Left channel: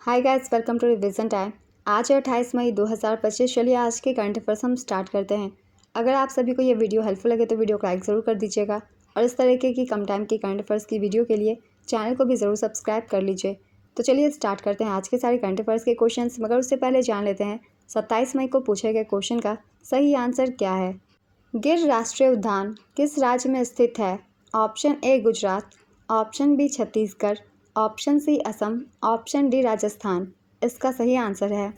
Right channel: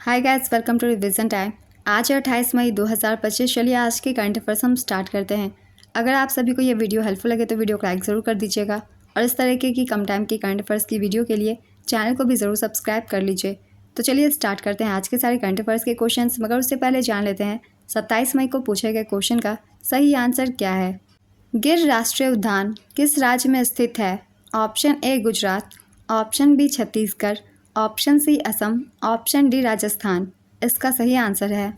Hi guys, welcome to revision time. आज है 28 मई 2025। चलिए आज के करंट अफेयर्स हम स्टार्ट करते हैं। अगर आप सभी को ये वीडियो हेल्पफुल लगे तो वीडियो को लाइक ज़रूर कर दीजिएगा और इस तरीके की कम टाइम की करंट अफेयर्स की वीडियो के लिए चैनल को भी ज़रूर सब्सक्राइब कर लीजिए। तो चलिए स्टार्ट करते हैं आज के सारे करंट अफेयर्स के क्वेश्चन, मगर उससे पहले जान लेते हैं 27 मई को पूछे गए क्वेश्चन का सही आंसर क्या है। गिर राष्ट्रीय उद्यान किस राज्य में स्थित है? Option A Gujarat, option B Chhattisgarh, option C Assam, option D Rajasthan. इसका सही आंसर है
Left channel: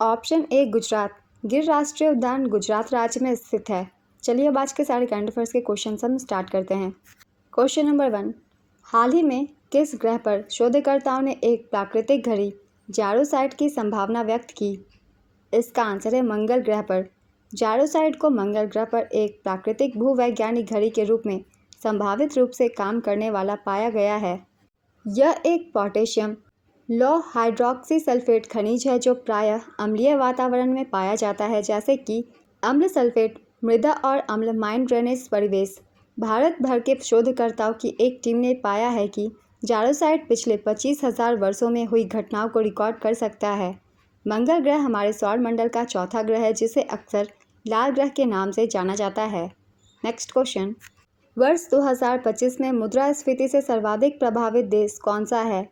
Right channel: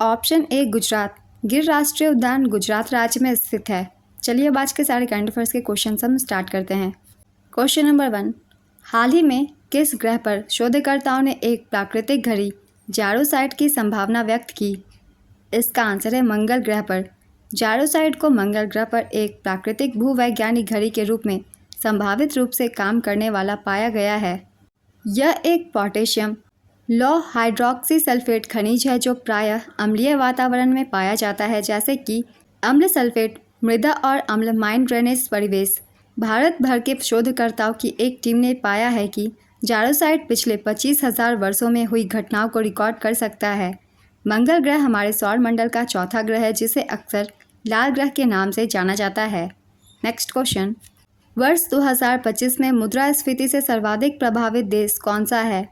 ऑप्शन ए गुजरात। गिर राष्ट्रीय उद्यान गुजरात राज्य में स्थित है। चलिए अब आज के सारे करंट अफेयर्स के क्वेश्चन हम स्टार्ट करते हैं। क्वेश्चन नंबर 1, हाल ही में किस ग्रह पर शोधकर्ताओं ने एक प्राकृतिक घड़ी जारोसाइट की संभावना व्यक्त की? इसका आंसर है मंगल ग्रह पर। जारोसाइट को मंगल ग्रह पर एक प्राकृतिक भूवैज्ञानिक घड़ी के रूप में संभावित रूप से काम करने वाला पाया गया है। यह एक पोटेशियम लौ हाइड्रोक्सी सल्फेट खनिज है जो प्रायः अम्लीय वातावरण में पाया जाता है, जैसे कि अम्ल सल्फेट, मृदा और अम्ल माइन ड्रेनेज परिवेश। भारत भर के शोधकर्ताओं की एक टीम ने पाया है कि जारोसाइट पिछले 25,000 वर्षों में हुई घटनाओं को रिकॉर्ड कर सकता है। मंगल ग्रह हमारे सौर मंडल का चौथा ग्रह है, जिसे अक्सर लाल ग्रह के नाम से जाना जाता है। नेक्स्ट क्वेश्चन, वर्ष 2025 में मुद्रास्फीति से सर्वाधिक प्रभावित देश कौन सा है?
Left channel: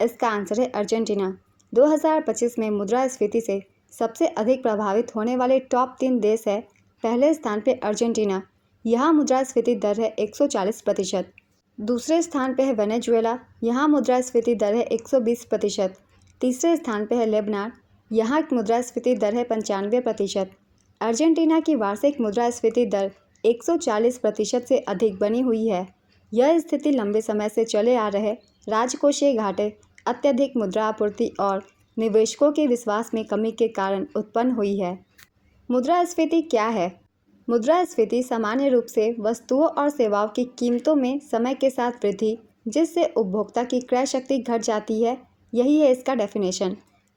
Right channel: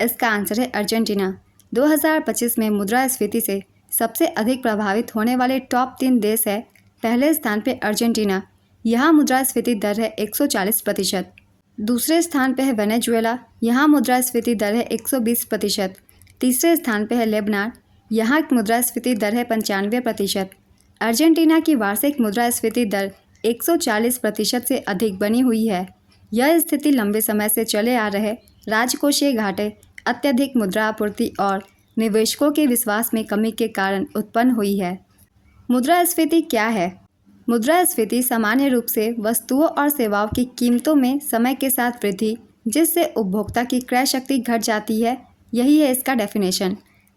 इसका आंसर है अर्जेंटीना। 2025 में मुद्रास्फीति से सबसे अधिक प्रभावित होने वाले टॉप 3 देश है। पहले स्थान पे अर्जेंटीना, यहाँ मुद्रास्फीति दर है 140%। दूसरे स्थान पे है वेनेजुएला, यहाँ मुद्रास्फीति दर है 120%। तीसरे स्थान पे है लेबनान, यहाँ की मुद्रास्फीति दर है 95%। अर्जेंटीना की वार्षिक मुद्रास्फीति दर 140% से अधिक बनी हुई है। यह स्थिति लंबे समय से चले आ रहे राजकोषीय घाटे, अत्यधिक मुद्रा आपूर्ति और निवेशकों के विश्वास में कमी के कारण उत्पन्न हुई है। मुद्रास्फीति क्या है? मुद्रास्फीति सामान्य रूप से वस्तुओं और सेवाओं की कीमतों में समय के साथ वृद्धि, जिससे उपभोक्ता की क्रय शक्ति घट जाती है, यही है इसका डेफिनेशन।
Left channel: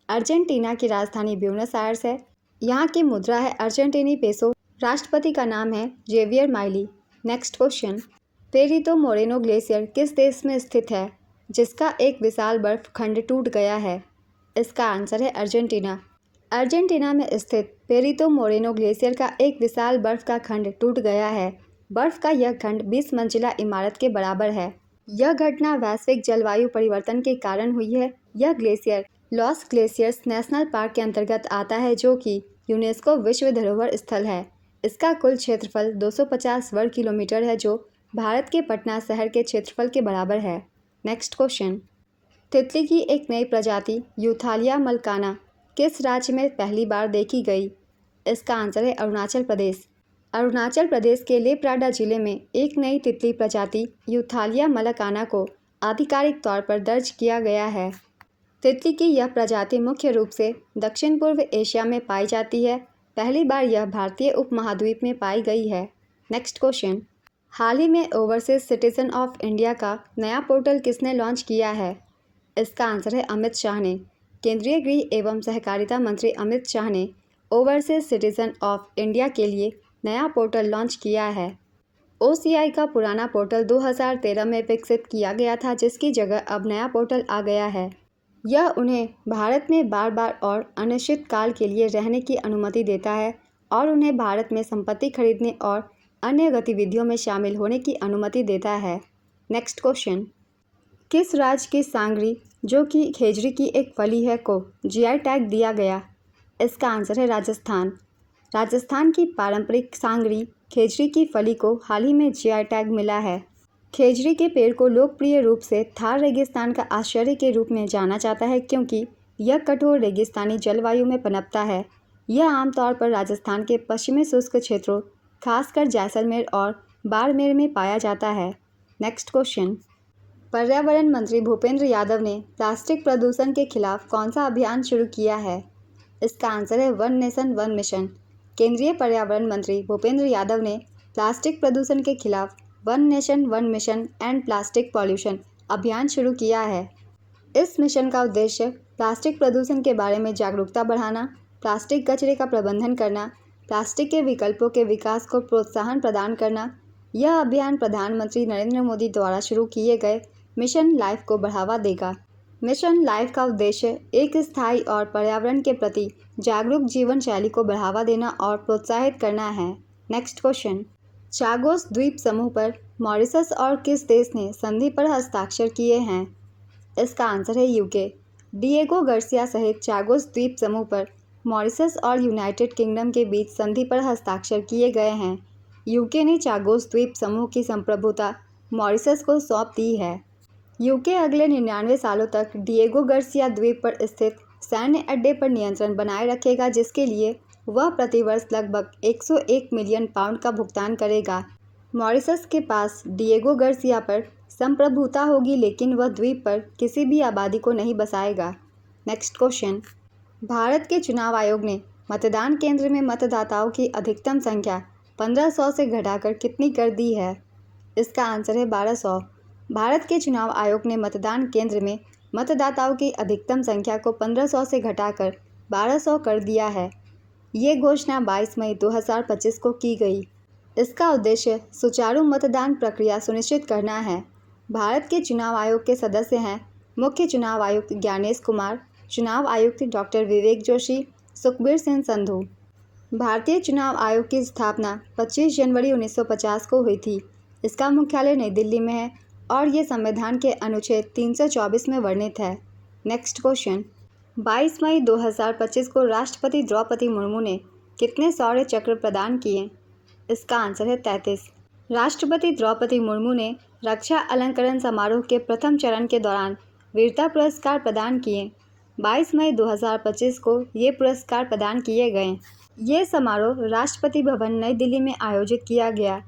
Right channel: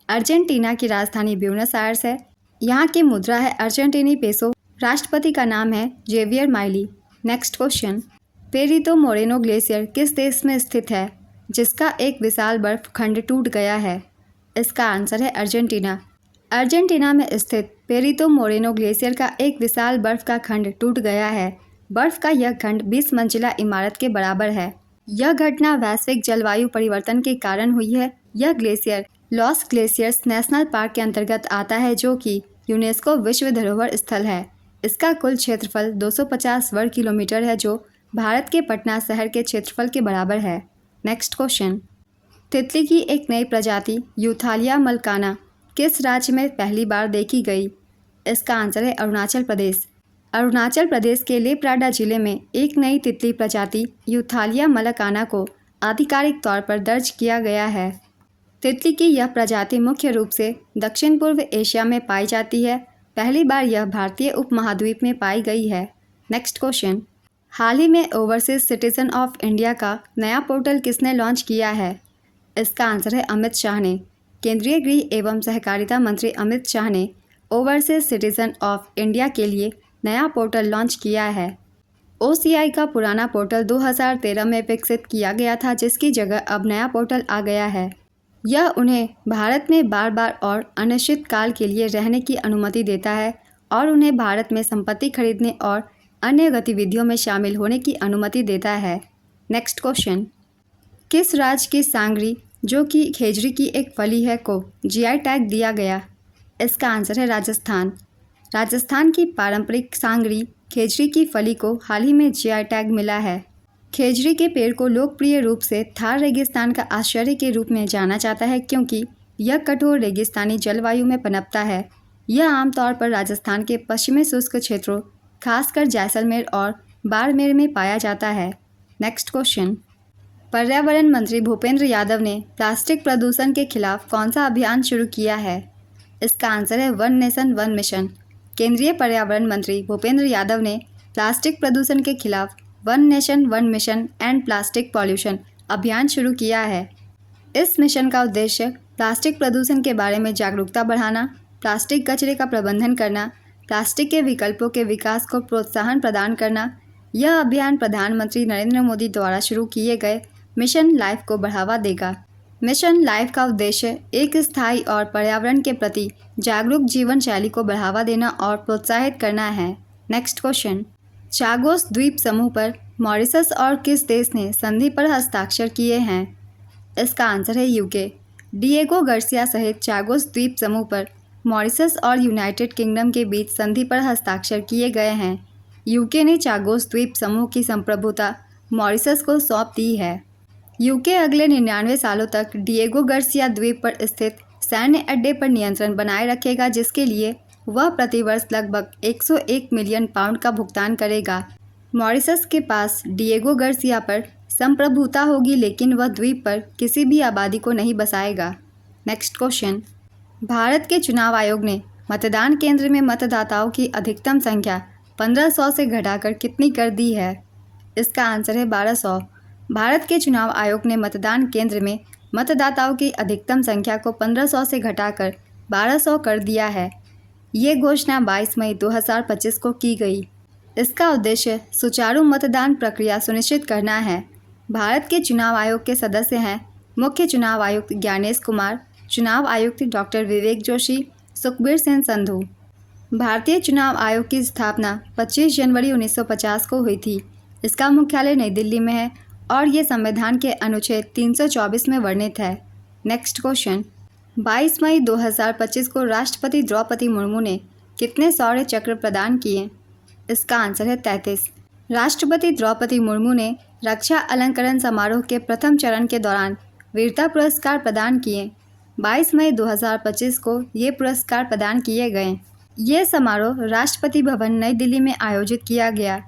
अर्जेंटीना की राजधानी ब्यूनस आयर्स है। यहाँ की मुद्रा है अर्जेंटीनी पेसो। राष्ट्रपति का नाम है Javier Milei. Next question, Perito Moreno glacier किस देश में स्थित है जिसका एक विशाल बर्फ खंड टूट गया है? इसका आंसर है अर्जेंटीना। अर्जेंटीना में स्थित पेरितो मोरेनो ग्लेशियर का एक विशाल बर्फ का खंड टूट गया है। बर्फ का यह खंड 20 मंजिला इमारत के बराबर है। यह घटना वैश्विक जलवायु परिवर्तन के कारण हुई है। यह glacier loss glaciers national park के अंतर्गत आता है, जो कि यूनेस्को विश्व धरोहर स्थल है। इसका कुल क्षेत्रफल 250 वर्ग किलोमीटर है, जो भारत के पटना शहर के क्षेत्रफल के बराबर है। नेक्स्ट क्वेश्चन, तितली की एक नई प्रजाति यूथालिया मलकाना किस राज्य में पहली बार देखी गई? इसका आंसर है अरुणाचल प्रदेश। अरुणाचल प्रदेश के लेपराडा जिले में एक नई तितली प्रजाति यूथालिया मलकाना को आधिकारिक तौर पर दर्ज किया गया है। तितली की यह प्रजाति मुख्य रूप से दक्षिण पूर्व एशिया में पाई जाती है। पहली बार यह भारतीय उपमहाद्वीप में पाई गई है। नेक्स्ट क्वेश्चन, हाल ही में ओवरसीज सिटीजन ऑफ इंडिया का नया पोर्टल किसने लॉन्च किया है? इसका आंसर है अमित शाह ने। केंद्रीय गृह एवं सहकारिता मंत्री अमित शाह ने ओवरसीज सिटीजन ऑफ इंडिया के लिए नया पोर्टल लॉन्च किया है। OCI का पुराना पोर्टल 2013 में विकसित किया गया था, जिसकी जगह अब नया पोर्टल आ गया है। यह उन्हें भारत में बार बार और अनिश्चित काल के लिए रहने की अनुमति देता है और उन्हें भारत में संपत्ति खरीदने और अन्य गतिविधियों में शामिल होने की अनुमति देता है। नेक्स्ट क्वेश्चन, किस राज्य की सांगरी, जो कि खेजड़ी की एक फली है, को GI टैग दिया गया? इसका आंसर है राजस्थान। राजस्थान की पारंपरिक सांगरी खेजड़ी की फली को हाल ही में GI टैग मिला है। खेजड़ी के पेड़ को लोकप्रिय रूप से थार रेगिस्तान का आश्चर्य के रूप में जाना जाता है, क्योंकि यह कठोर रेगिस्तानी जलवायु में पनपता है। यह आमतौर पर राजस्थान के पश्चिमी शुष्क क्षेत्रों, खासकर जैसलमेर और बाड़मेर में पाया जाता है। नेक्स्ट क्वेश्चन, पर्यावरण मंत्री भूपेंद्र यादव ने प्लास्टिक प्रदूषण के खिलाफ कौन सा अभियान शुरू किया है? इसका आंसर है वन नेशन वन मिशन। केंद्रीय पर्यावरण मंत्री भूपेंद्र यादव ने प्लास्टिक प्रदूषण के खिलाफ one nation one mission and plastic pollution अभियान शुरू किया है। इस मिशन का उद्देश्य प्लास्टिक प्रदूषण के बारे में जागरूकता बढ़ाना, प्लास्टिक कचरे का प्रबंधन करना, प्लास्टिक के विकल्पों के विकास को प्रोत्साहन प्रदान करना। यह अभियान प्रधानमंत्री नरेंद्र मोदी द्वारा शुरू किए गए मिशन लाइफ को बढ़ावा देगा। मिशन लाइफ का उद्देश्य एक स्थायी और पर्यावरण के प्रति जागरूक जीवन शैली को बढ़ावा देना और प्रोत्साहित करना है। नेक्स्ट क्वेश्चन, चागोस द्वीप समूह पर मॉरिशस और किस देश ने संधि पर हस्ताक्षर किए हैं? इसका आंसर है यूके। डिएगो गार्सिया सहित चागोस द्वीप समूह पर मॉरिशस और यूनाइटेड किंगडम के बीच संधि पर हस्ताक्षर किए गए हैं। यूके ने चागोस द्वीप समूह की संप्रभुता मॉरिशस को सौंप दी है। यूके अगले 99 सालों तक डिएगो गार्सिया द्वीप पर स्थित सैन्य अड्डे पर नियंत्रण बनाए रखेगा, जिसके लिए वह प्रतिवर्ष लगभग 101 मिलियन पाउंड का भुगतान करेगा। मॉरिशस के पास डिएगो गार्सिया पर संप्रभुता होगी, लेकिन वह द्वीप पर किसी भी आबादी को नहीं बसाएगा। नेक्स्ट क्वेश्चन, भारत के चुनाव आयोग ने मतदान केंद्र में मतदाताओं की अधिकतम संख्या 1500 से घटाकर कितनी कर दी है? इसका आंसर है 1200। भारत के चुनाव आयोग ने मतदान केंद्र में मतदाताओं की अधिकतम संख्या को 1500 से घटाकर 1200 कर दिया है। ये घोषणा 22 मई 2025 को की गई। इसका उद्देश्य सुचारू मतदान प्रक्रिया सुनिश्चित करना है। भारत के चुनाव आयोग के सदस्य हैं मुख्य चुनाव आयुक्त ज्ञानेश कुमार, चुनाव आयुक्त डॉक्टर विवेक जोशी, सुखबीर सिंह संधू। भारतीय चुनाव आयोग की स्थापना 25 जनवरी 1950 को हुई थी। इसका मुख्यालय नई दिल्ली में है और ये संविधान के अनुच्छेद 324 में वर्णित है। नेक्स्ट क्वेश्चन, 22 मई 2025 को राष्ट्रपति द्रौपदी मुर्मू ने कितने शौर्य चक्र प्रदान किए? इसका आंसर है 33। राष्ट्रपति द्रौपदी मुर्मू ने रक्षा अलंकरण समारोह के प्रथम चरण के दौरान वीरता पुरस्कार प्रदान किए। 22 मई 2025 को ये पुरस्कार प्रदान किए गए। ये समारोह राष्ट्रपति भवन नई दिल्ली में आयोजित किया गया।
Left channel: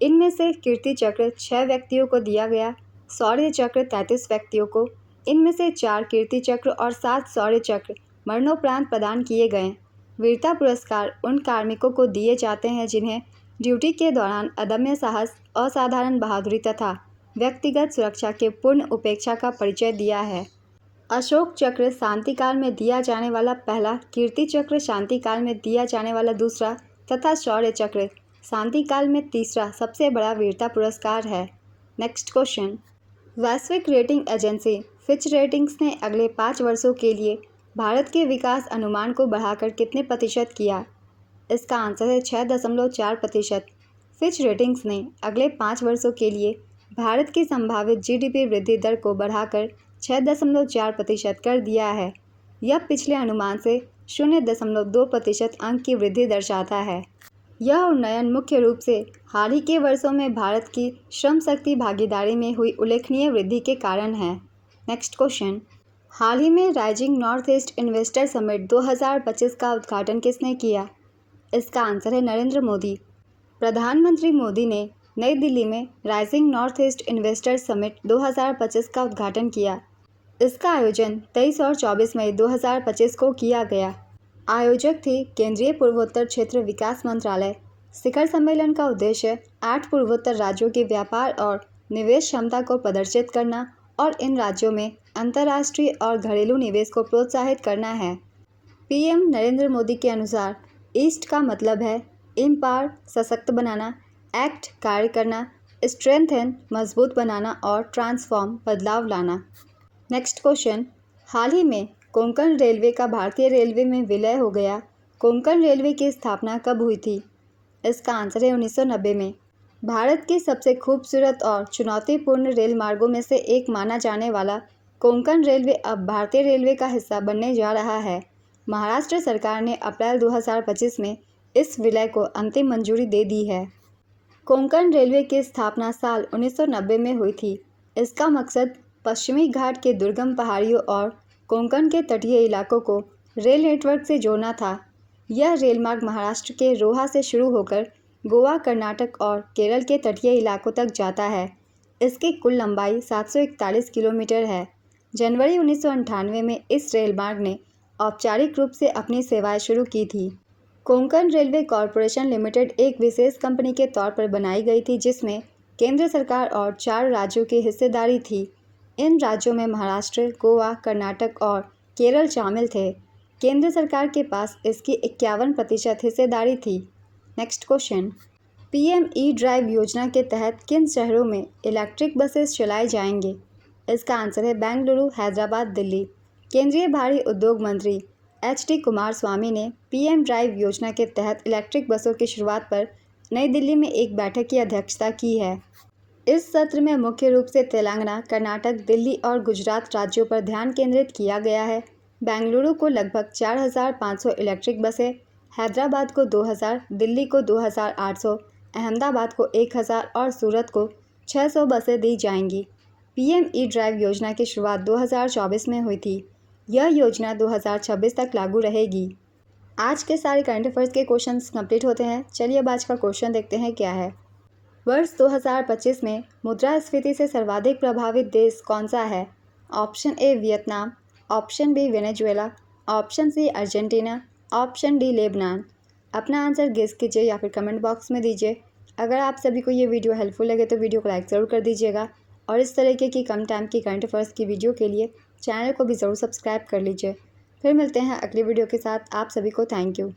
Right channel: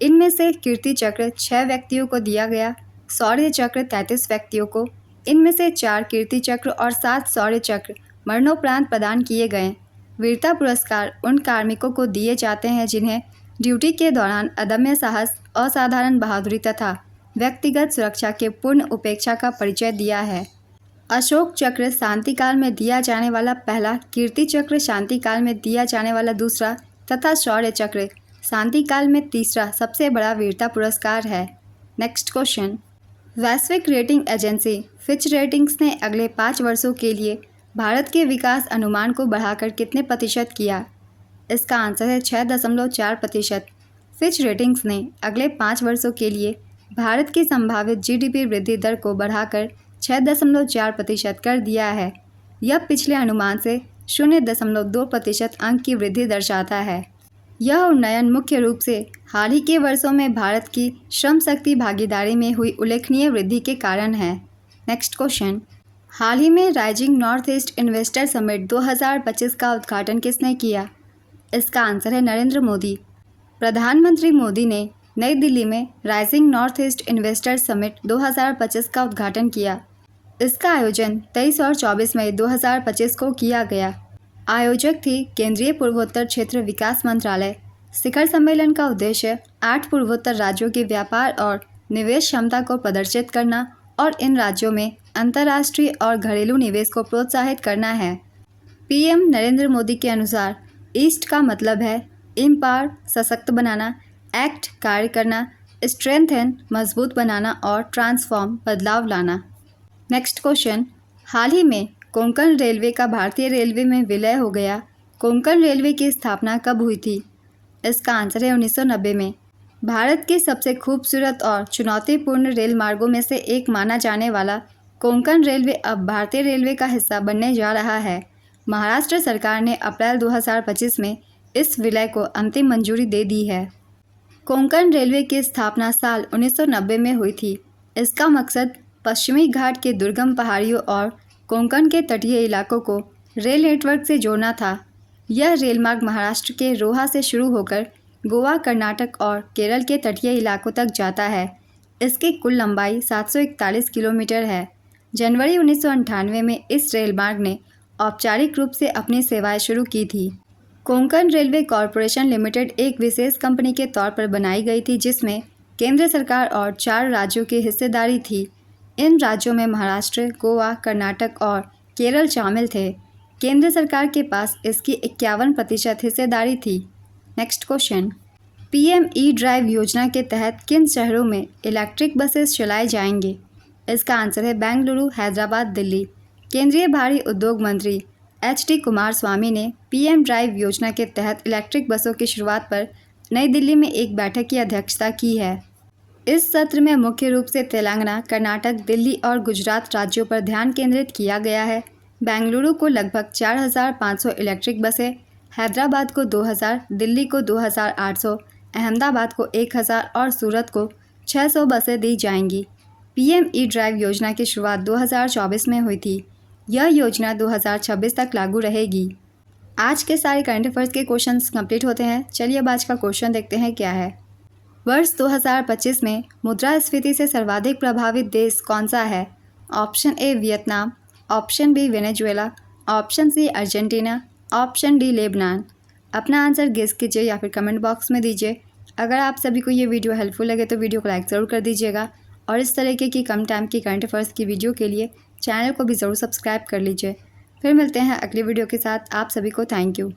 इनमें से कीर्ति चक्र 6 व्यक्तियों को दिया गया, शौर्य चक्र 33 व्यक्तियों को, इनमें से 4 कीर्ति चक्र और 7 शौर्य चक्र मरणोपरांत प्रदान किए गए। वीरता पुरस्कार उन कार्मिकों को दिए जाते हैं जिन्हें ड्यूटी के दौरान अदम्य साहस, असाधारण बहादुरी तथा व्यक्तिगत सुरक्षा के पूर्ण उपेक्षा का परिचय दिया है। अशोक चक्र शांति काल में दिया जाने वाला पहला, कीर्ति चक्र शांति काल में दिया जाने वाला दूसरा तथा शौर्य चक्र शांति काल में तीसरा सबसे बड़ा वीरता पुरस्कार है। नेक्स्ट क्वेश्चन, वैश्विक रेटिंग एजेंसी फिच रेटिंग्स ने अगले 5 वर्षों के लिए भारत के विकास अनुमान को बढ़ाकर कितने प्रतिशत किया? इसका आंसर है 6.4%। फिच रेटिंग्स ने अगले 5 वर्षों के लिए भारत की संभावित जीडीपी वृद्धि दर को बढ़ाकर 6.4% कर दिया है। यह पिछले अनुमान से 0.2% अंक की वृद्धि दर्शाता है। यह उन्नयन मुख्य रूप से हाल ही के वर्षों में भारत की श्रम शक्ति भागीदारी में हुई उल्लेखनीय वृद्धि के कारण है। नेक्स्ट क्वेश्चन, हाल ही में rising north east investor summit 2025 का उद्घाटन किसने किया? इसका आंसर है नरेंद्र मोदी। प्रधानमंत्री मोदी ने नई दिल्ली में rising north east investor summit 2025 का उद्घाटन किया। इसका आयोजन 23 और 24 मई 2025 को किया गया। आयोजक थी केंद्रीय पूर्वोत्तर क्षेत्र विकास मंत्रालय। शिखर सम्मेलन का उद्देश्य 8 पूर्वोत्तर राज्यों की व्यापार और निवेश क्षमता को प्रदर्शित करना और इन राज्यों में अंतर्राष्ट्रीय और घरेलू निवेश को प्रोत्साहित करना है। पीएम नरेंद्र मोदी के अनुसार ईस्ट का मतलब है एम्पावर सशक्त बनाना, एक्ट कार्य करना, स्ट्रेंथन मजबूत बनाना और ट्रांसफॉर्म बदलाव लाना। नेक्स्ट क्वेश्चन, हाल ही में कोंकण रेलवे का भारतीय रेलवे में विलय हो गया। कोंकण रेलवे की स्थापना कब हुई थी? इसका आंसर है 1990 में। भारत के सबसे खूबसूरत और चुनौतीपूर्ण रेल मार्गों में से एक माना जाने वाला कोंकण रेलवे अब भारतीय रेलवे का हिस्सा बनने जा रहा है। महाराष्ट्र सरकार ने अप्रैल 2025 में इस विलय को अंतिम मंजूरी दे दी है। कोंकण रेलवे की स्थापना साल 1990 में हुई थी। इसका मकसद पश्चिमी घाट के दुर्गम पहाड़ियों और कोंकण के तटीय इलाकों को रेल नेटवर्क से जोड़ना था। यह रेल मार्ग महाराष्ट्र के रोहा से शुरू होकर गोवा, कर्नाटक और केरल के तटीय इलाकों तक जाता है। इसकी कुल लंबाई 741 किलोमीटर है। जनवरी 1998 में इस रेल मार्ग ने औपचारिक रूप से अपनी सेवाएं शुरू की थी। कोंकण रेलवे कॉरपोरेशन लिमिटेड एक विशेष कंपनी के तौर पर बनाई गई थी, जिसमें केंद्र सरकार और 4 राज्यों की हिस्सेदारी थी। इन राज्यों में महाराष्ट्र, गोवा, कर्नाटक और केरल शामिल थे। केंद्र सरकार के पास इसकी 51% हिस्सेदारी थी। Next question, PM E drive योजना के तहत किन शहरों में इलेक्ट्रिक बसेस चलाई जाएंगी? इसका आंसर है बेंगलुरु, हैदराबाद, दिल्ली। केंद्रीय भारी उद्योग मंत्री एच.डी. कुमारस्वामी ने पीएम ड्राइव योजना के तहत इलेक्ट्रिक बसों की शुरुआत पर नई दिल्ली में एक बैठक की अध्यक्षता की है। इस सत्र में मुख्य रूप से तेलंगाना, कर्नाटक, दिल्ली और गुजरात राज्यों पर ध्यान केंद्रित किया गया है। बेंगलुरु को लगभग 4,500 इलेक्ट्रिक बसें, हैदराबाद को 2,000, दिल्ली को 2,800, अहमदाबाद को 1,000 और सूरत को 600 बसें दी जाएंगी। पीएम ई ड्राइव योजना की शुरुआत 2024 में हुई थी। यह योजना 2026 तक लागू रहेगी। आज के सारे करंट अफेयर्स के क्वेश्चंस कंप्लीट होते हैं। चलिए अब आज का क्वेश्चन देखते हैं क्या है। वर्ष 2025 में मुद्रास्फीति से सर्वाधिक प्रभावित देश कौन सा है? Option A Vietnam, option B Venezuela, option C Argentina, option D Lebanon. अपना आंसर गेस कीजिए या फिर कमेंट बॉक्स में दीजिए। अगर आप सभी को ये वीडियो हेल्पफुल लगे तो वीडियो को लाइक ज़रूर कर दीजिएगा और इस तरीके की कम टाइम की करंट अफेयर्स की वीडियो के लिए चैनल को भी ज़रूर सब्सक्राइब कर लीजिए। फिर मिलते हैं अगली वीडियो के साथ। आप सभी को थैंक यू।